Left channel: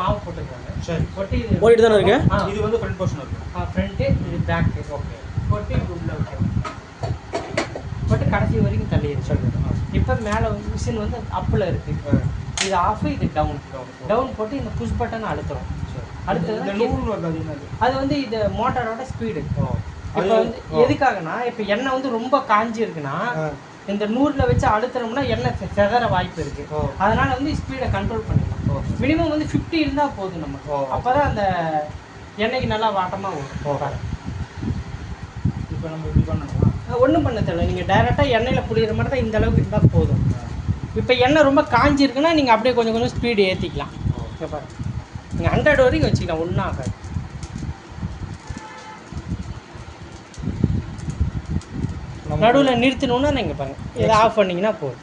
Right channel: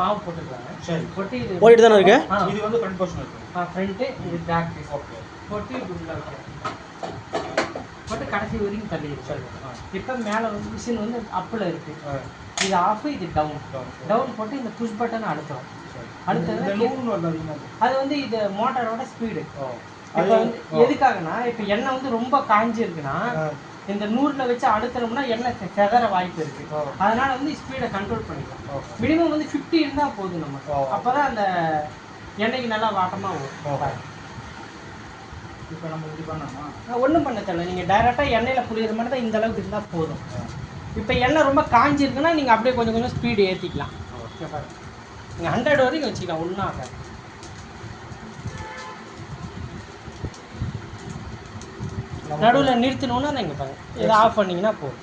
மாவு போட்டுருக்காங்க. சரி, போட்டு இது போயிட்டு தானே இருக்கு. இது வந்து ஃப்ரண்ட் போர்ஷன் இருக்கு. ஃப்ரண்ட் இது பேக். ஓகே, போட்டு உள்ள ஓகே, போட்டு கடைசி வரைக்கும் தள்ளிடுச்சு. இப்போ மேலே மிஷின் வந்து அப்பில் இருக்கு. இது ஆஃப், இது டவுன். டவுன் போட்டு இந்த புஷ் பட்டன் அழுத்துறோம். அடுத்தது அது வந்து இது மோட்டாரோட ஸ்பீடு. இப்போ வந்து எதுக்காகனா, இப்போ எண்ணெய் வந்து ரொம்ப காஞ்சி இருக்குன்னா இந்த 100ல வச்சு அழுத்தணும்னா எண்ணெய் செதற வாய்ப்பு இருக்கு. அதனால வந்து ஸ்பீடை கண்ட்ரோல் பண்ணிக்கலாம். மினிமம் வந்து 50 இருந்தால் போதும் நமக்கு. அப்போதான் அந்த எண்ணெய்க்கு நல்லா வாட்டமாக வரும். இப்போ நம்ம இப்படி பண்ணோம்னா ஒன்றும் பண்ண தேவை. நீங்கள் டைரெக்டாக எண்ணெயில் புளிகிற மாதிரி தான் இந்த அளவுக்கு இருந்தால் போதும். இப்போ எண்ணெய் ரொம்ப காஞ்சி இருக்குன்னா நீங்கள் அப்படியே கொஞ்சம் கொஞ்சம் ஸ்பீடு ஏற்றிக்கலாம். ஓகே பாருங்க, நீங்கள் 100 வரைக்கும் வச்சுக்கலாம், ஒன்றும் ஆகாது. நடுவில் நிறுத்தணும்னா நீங்கள் பாருங்க, இதை ஆஃப் பண்ணிங்கன்னா போதும்,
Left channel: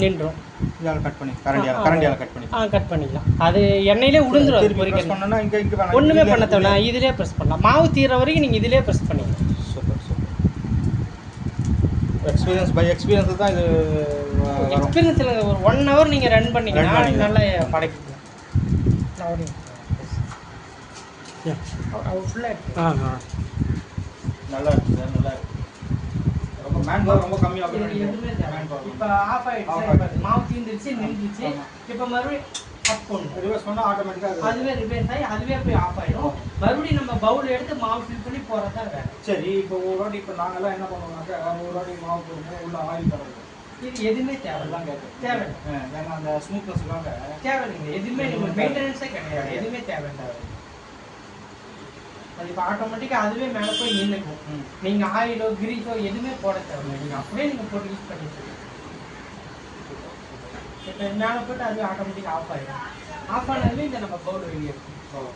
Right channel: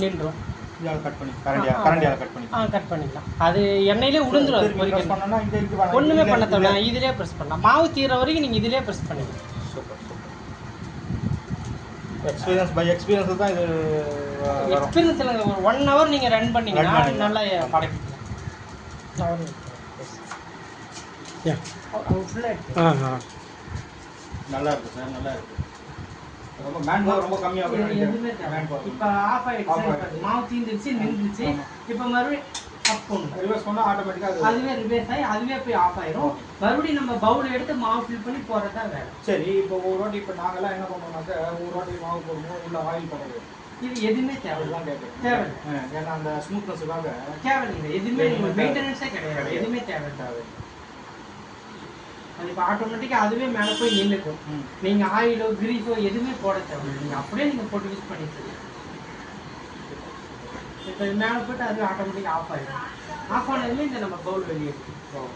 நின்றுடும். இதால் கட் பண்ணி கரண்டியால் கட் பண்ணி கட் பண்ணிக்கலாம். அது எண்ணெயிலே உளுந்துடும். ஒன்றுமே பண்ண தேவை, இதிலே ப்ரெஸ் பண்ணலாம். மாவு தீர வரைக்கும் நீங்கள் இதிலே ப்ரெஸ் பண்ணிக்கலாம். Super super. Experience by experience தான் இது. எக்ஸ்பீரியன்ஸில் ஒரு 1 hour நீங்கள் ரன் பண்ணிங்கன்னா நல்லா படைக்கலாம். ஃபுல்லாக நல்லா இருக்குது சார், நல்லா இருக்குது. ரொம்ப மேன் பவர் ரொம்ப கம்மியாகும். இப்போ ஆஃப் ஆகிடுச்சு, மாவு தீந்துருச்சு, நின்றுச்சு. இப்போ மறுபடியும் அப் பண்ணணும். ரிவர்ஸ் பண்ணால் ஆட்டோமேட்டிக்காக அதுவே ரிவர்ஸ் ஆகி அதுவே போய் ஆஃப் ஆயிடும். மறுபடியும் நம்ம பவுல் எடுத்து மாவு ஃபில் பண்ணி போகிறது தான் வேலை. சரி, இப்போ ஒரு வாட்டி இப்போ நாங்கள்லாம் என்ன பண்ணுவோம்னாக்கா, ஒரு வாட்டி மாவு போடுவோம், உள்ள ஆயில் தடவை. இது எதுவுமே தேவையில்லாம் கேட்குது. தேவையில்லை, ஏன்னா அந்த ஸ்மூத்னஸுக்காக தேவையில்லைங்க. எதுவுமே நீங்கள் மெயின்டெனன்ஸே கிடையாது. எதுவுமே தேவையில்லை. அது இப்போ ஆட்டோமேட்டிக்காக அதுவே மேலே போய் நின்றுக்கும். நீங்கள் ஆயிலோ கிரீஸோ எதுவுமே போட தேவையில்லை. நீங்கள் அப்படியே நீங்கள் போட்டு யூஸ் பண்ணிக்கலாம். இப்போ மேலே போட்டு அதுவே ஆட்டோமேட்டிக்காக ஆஃப் ஆகிடும். ஆஃப் ஆனதுமே இந்த நம்ம பவுல் வெளியே எடுத்துக்கலாம்.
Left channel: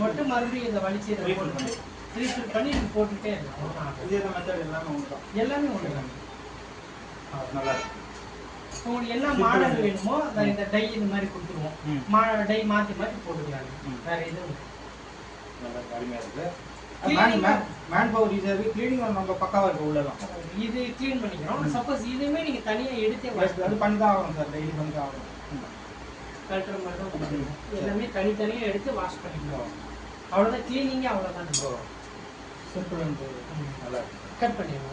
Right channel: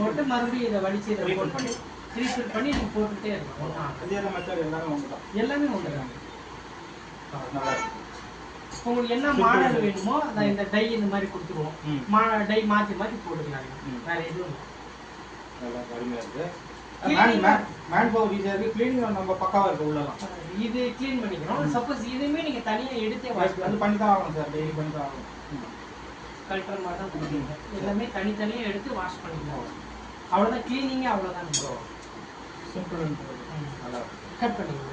போட்டு மறுபடியும் இதை வலிச்சு இதை பண்ணி ரீஃபில் பண்ணி நீங்கள் போட்டுகிட்டே இருக்கலாம். எல்லாமே ஒன்று தான். நல்லா இருக்கு. உங்களுக்கு என்ன மாடல் வேணுமோ அதை இந்த டை இந்த மாதிரி கொடுத்துருவோம். டை மாற்றி மாற்றி போட்டுக்கலாம். வேற எதுவும் நல்லா அருமையாக இருக்குது. மேன் பவர் ஈஸியாக இருக்குது. க்ளீனிங் நம்ம பக்காவாக இருக்குது. உள்ளலாம் இது க்ளீன் பண்ணிக்கிறோம். சப்போஸ் இதுவுமே நீங்கள் தனியாக எடுத்தே வாஷ் அது பண்ணி தான் ஆகணும் சார். டெய்லி பண்ணி தான் ஆகணும். கல்ட்டுற மாதிரி தான் கொடுக்கணும். எல்லாமே தனித்தனியாக எடுத்து வாஷ் பண்ணிக்கலாம். அவ்வளோதான் க்ளீனிங்கே, அவ்வளோதான். சிம்பிள் அண்ட் நல்லா கட் பண்ணிடுவோம்.